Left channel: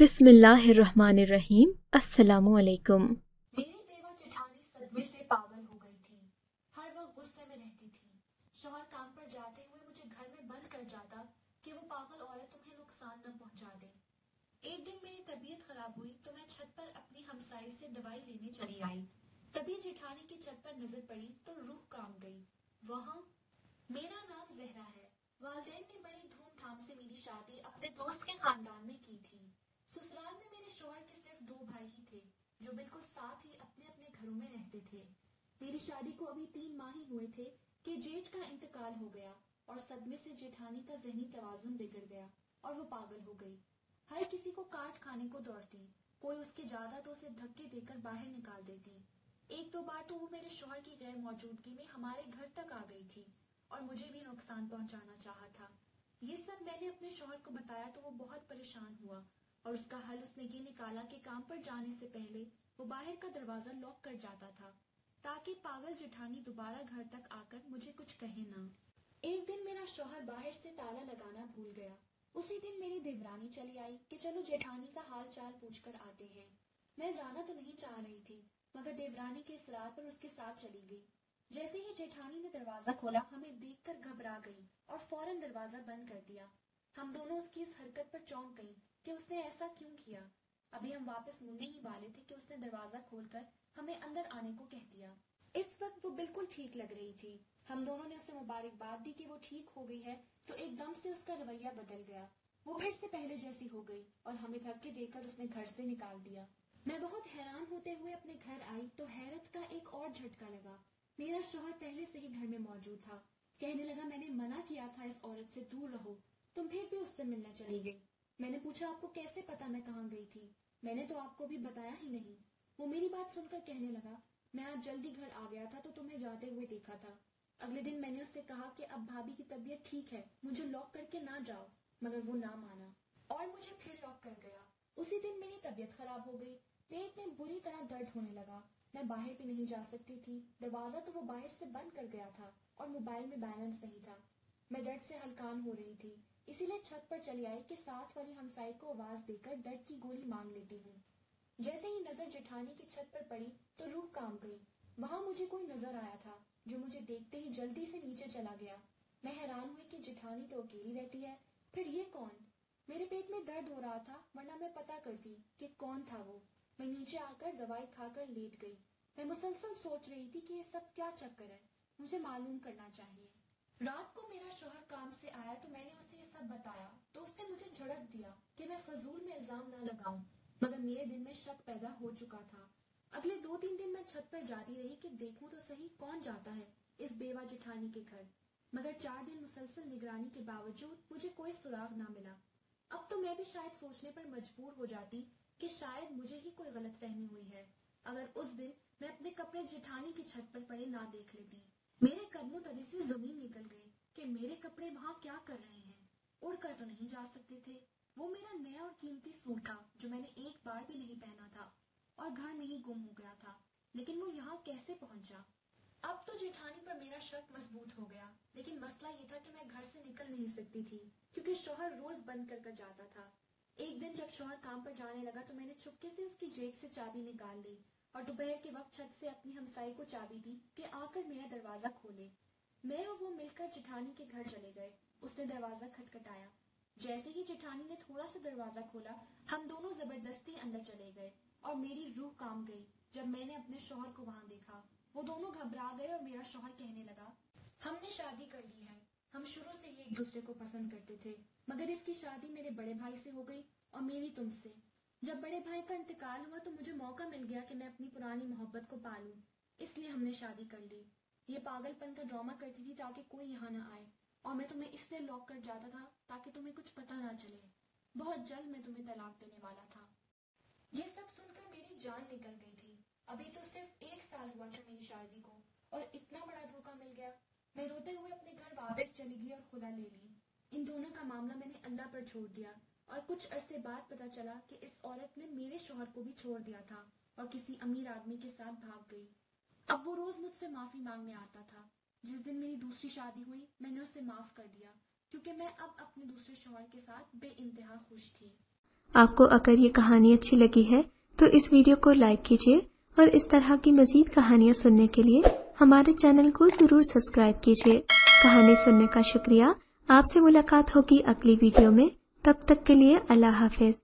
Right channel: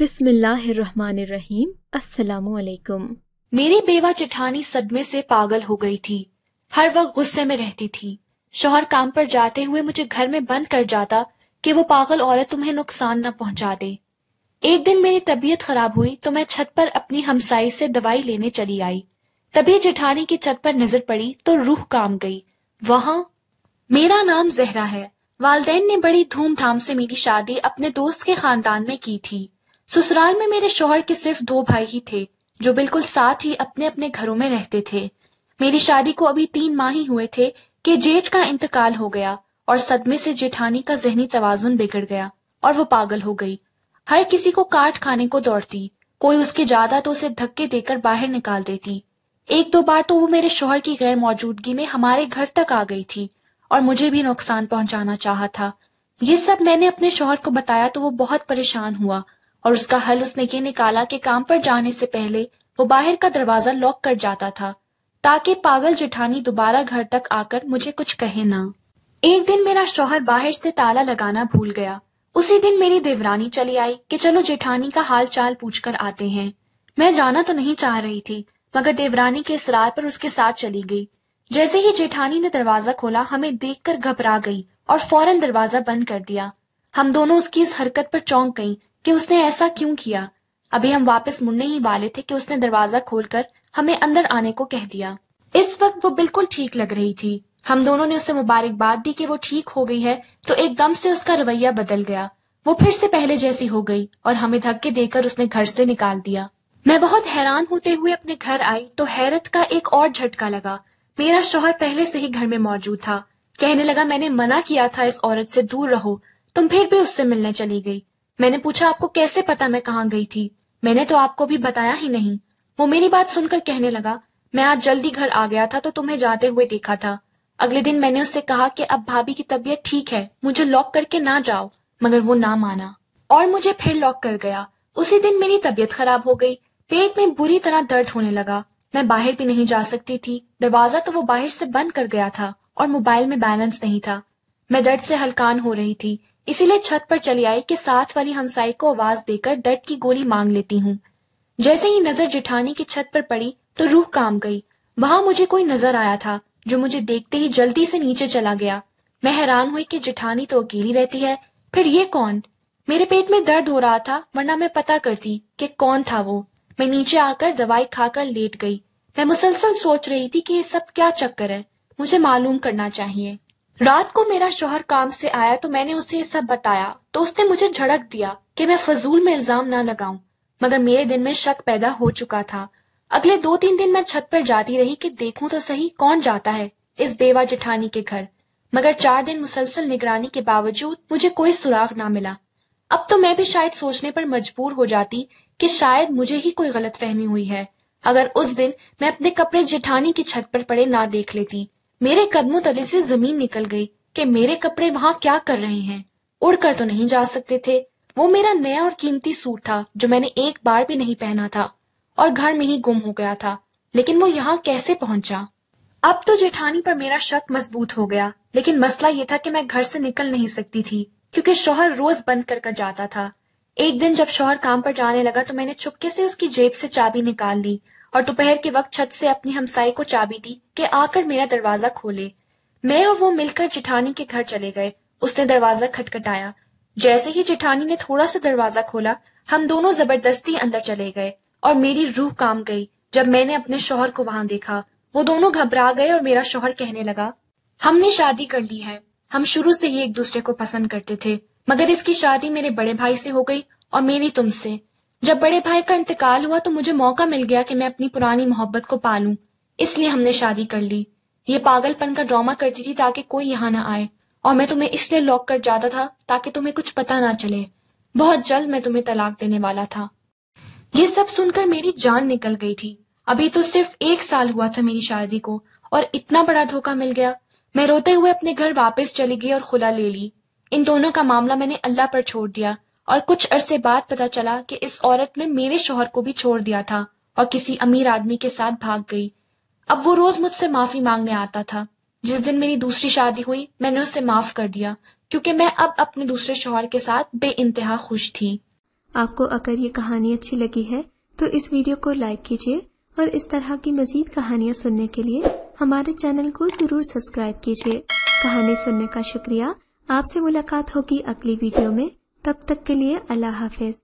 بسم اللہ الرحمن الرحیم۔ السلام علیکم۔ میری بیوہ جٹھانی صدمے سے پاگل ہو گئی تھی۔ ہر وقت غصے میں رہتی تھی۔ شوہر کام پر جاتے ہوئے مجھے گھر میں بند کر جاتا کہ وہ پاگل عورت تمہیں نقصان نہ پہنچا دے۔ ایک دن میری طبیعت خراب ہوئی تو میں چھت پر اپنی ہمسائی سے دوائی لینے چلی آئی۔ تبھی جٹھانی کی چھت پر نظر پڑی تو روح کام گئی۔ وہاں میرا نام زہرا ہے۔ والدین نے بڑی دھوم دھام سے میری شادی اپنے دوست کے خاندان میں کی تھی۔ سسرال میں میرے شوہر کے صرف 2 بھائی ہی تھے جو بالکل ساتھ ہی اپنے اپنے گھروں میں رہتے تھے۔ میری شادی کو ابھی 3 ماہ ہی ہوئے تھے کہ جیٹھ کا انتقال ہو گیا اور صدمے سے جیٹھانی کا ذہنی توازن بگڑ گیا اور وہ پاگل ہو گئی۔ ہر کسی کو کاٹ کھانے کو دوڑتی، کوئی اس کی جائیدادوں سے دھکے دے کر باہر نکال دیتی۔ 1-2 بار تو وہ میرے شوہر کی غیر موجودگی میں ہمارے گھر تک آ گئی تھی اور مجھے بھی نقصان پہنچانا چاہا تھا۔ یہ سب میں نے اپنے شوہر کو بتایا تو وہ بہت پریشان ہوا اور اس کا حل اس نے یہ نکالا کہ کام پر جانے سے پہلے وہ باہر کا دروازہ لاک کر جاتا تھا تاکہ پاگل جٹھانی دوبارہ گھر تک آ کر مجھے کچھ کہے نہ۔ ایک دن میرا شوہر باہر سے تالا لگانا بھول گیا۔ اسی دن میری دیورانی چلی آئی کہ چلو جٹھانی کا حال چال پوچھ کر آتے ہیں۔ میں جانا تو نہیں چاہ رہی تھی مگر دیورانی کے اصرار پر اس کے ساتھ چلی گئی۔ جیسے ہی جیٹھانی نے دروازہ کھولا ہمیں دیکھ کر گھبرا گئی اور فوراً دروازہ بند کر دیا۔ ہم دونوں اس کی اس حرکت پر چونک گئیں کہ اس نے ایسا کیوں کیا۔ ابھی ہم واپس مڑنے ہی والے تھے کہ اس نے دروازہ کھول کر ہمیں اندر آنے کو کہہ دیا۔ اس وقت وہ بالکل ٹھیک لگ رہی تھی۔ ہم دونوں نے اسے مبارکباد دی کہ وہ ٹھیک ہو گئی ہے تو ایک دم سے اس کا رویہ بدل گیا۔ وہ پھر سے پہلے جیسی ہو گئی اور ہمیں دھکے دے کر اس نے گھر سے نکال دیا۔ میں بہت حیران ہوتے ہوئے اپنے گھر آئی تو حیرت کا ایک اور جھٹکا لگا۔ میرا شوہر پہلے سے ہی گھر میں موجود تھا۔ کہنے لگا میں نے منع کیا تھا اس عورت سے دور رہو، تم پھر بھی اس سے ملنے چلی گئی۔ میں نے پوچھا آپ کو کیسے پتا میں کہاں گئی تھی؟ میں نے تو آپ کو بھی بتایا ہی نہیں۔ وہ میری بات سن کر کہنے لگا میں آج جلدی گھر آ گیا تھا تو تمہیں جاتے ہوئے دیکھا تھا۔ اگلے دن میں نے اس سے کہا کہ اب بھابھی کی طبیعت ٹھیک ہے، مجھے لاک کر کے نہ جاؤ، مگر وہ نہ مانا اور مجھے پھر لاک کر گیا۔ اسی دن میری طبیعت خراب ہو گئی، پیٹ میں بری طرح درد ہونے لگا۔ میں باہر بھی نہیں جا سکتی تھی، دروازہ تو وہ باہر سے بند کر گیا تھا اور موبائل میں بیلنس نہیں تھا۔ میں درد سے ہلکان ہو رہی تھی، اسی لیے چھت پر چلی آئی کہ ساتھ والی ہمسائی کو آواز دے کر درد کی گولی مانگ لیتی ہوں۔ جیسے ہی نظر جٹھانی کی چھت پر پڑی تو روح کام گئی۔ وہاں مجھے کوئی نظر آیا تھا جو مجھے دیکھتے ہی جلدی سے نیچے چلا گیا۔ میں حیران ہوئی کہ جٹھانی تو اکیلی رہتی ہے، پھر یہ کون؟ میرے پیٹ میں درد ہو رہا تھا ورنہ میں پتہ کرتی کہ کون تھا وہ۔ میں نیچے آ کر دوائی کھا کر لیٹ گئی۔ میں مسلسل سوچ رہی تھی کہ یہ سب کیا چکر ہے، مجھے معلوم کرنا چاہیے۔ رات کو میرا شوہر کام سے آیا تو میں نے اسے یہ سب بتایا تو اس نے مجھے جھڑک دیا کہ میں فضول میں الزام نہ لگاؤں، مگر میرے دل میں شک پیدا ہو چکا تھا۔ اگلے 2-3 دن میں چھت پر جاتی رہی کہ دیکھوں تو صحیح کون جاتا ہے اس بیوہ جٹھانی کے گھر، مگر 4 دن مسلسل نگرانی کے باوجود مجھے کوئی سراغ نہ ملا۔ اب تو میں بھی شاید سوچنے پر مجبور ہو جاتی کہ شاید مجھے ہی کوئی غلط فہمی ہوئی ہے اگر اس دن میں اپنے کپڑے جٹھانی کی چھت پر پڑے نہ دیکھ لیتی۔ میرے قدموں تلے سے زمین نکل گئی کہ میرے کپڑے وہاں کیا کر رہے ہیں، اڑ کر تو نہیں جا سکتے تھے۔ وہ میرا نیا اور قیمتی سوٹ تھا جو میں نے ایک بار بھی نہیں پہنا تھا اور گھر میں ہی گم ہو گیا تھا، لیکن وہ یہاں کیسے پہنچا؟ اب تو جیٹھانی پر میرا شک مضبوط ہو گیا، لیکن مسئلہ یہ تھا کہ میں گھر سے نکل نہیں سکتی تھی کیونکہ شوہر روز بند کر کر جاتا تھا۔ ایک دن جب شوہر کام پر جانے لگا تو میں نے چپکے سے اس کی جیب سے چابی نکال لی اور دوپہر کے وقت چھت سے اپنی ہمسائی کو چابی دی کہ آ کر میرا دروازہ کھولے۔ میں اور وہ مل کر جٹھانی کے گھر چلے گئے۔ اس نے دروازہ کھٹکھٹایا۔ جیسے ہی جٹھانی نے تھوڑا سا دروازہ کھولا ہم دونوں زبردستی اندر چلے گئے اور میری روح کام گئی جب میں نے اپنے شوہر کو وہاں دیکھا۔ وہ دونوں گھبرا گئے اور میرا شوہر کہنے لگا ہم نے شادی کر لی ہے، ہم شروع سے ہی ایک دوسرے کو پسند کرتے تھے، مگر اس کی شادی میرے بڑے بھائی سے ہو گئی اور میری تم سے۔ جب بڑے بھائی کا انتقال ہوا تو مجھے موقع مل گیا کہ میں اپنی پرانی محبت کو پالوں، اس لیے ہم نے شادی کر لی۔ یہ پاگل پن کا ڈرامہ کرتی تھی تاکہ کوئی یہاں نہ آئے، اور میں تمہیں اس لیے لاک کر جاتا تھا تاکہ تمہیں کچھ پتہ نہ چلے۔ بہت جلد میں تمہیں طلاق دینے والا تھا۔ یہ سب سن کر میری جان نکل گئی تھی۔ ابھی تو صرف 1 سال ہوا تھا میری شادی کو اور اتنا بڑا دھوکہ مل گیا۔ میں روتے ہوئے اپنے گھر واپس چلی گئی اور خلا لے لی۔ ان دونوں کا معاملہ میں نے اللہ پر چھوڑ دیا اور کچھ عرصے بعد پتہ چلا کہ اس عورت نے میرے شوہر کو بھی چھوڑ دیا تھا اور کسی امیر آدمی کے ساتھ بھاگ گئی۔ اب وہ روز مجھ سے معافی مانگنے آتا تھا۔ جس دن میری دوسری شادی ہوئی میں نے اسے معاف کر دیا کیونکہ میں اب اپنے دوسرے شوہر کے ساتھ بے انتہا خوش تھی۔ آپ کو اگر یہ کہانی اچھی لگی ہے تو اس ویڈیو کو لائک کیجیے اور اس طرح کی مزید کہانیاں سننے کے لیے ہمارے چینل کو ضرور سبسکرائب کیجیے۔ کہانی سننے کا شکریہ۔ آپ سے ملاقات ہوگی اگلی ویڈیو میں، تب تک کے لیے اللہ حافظ۔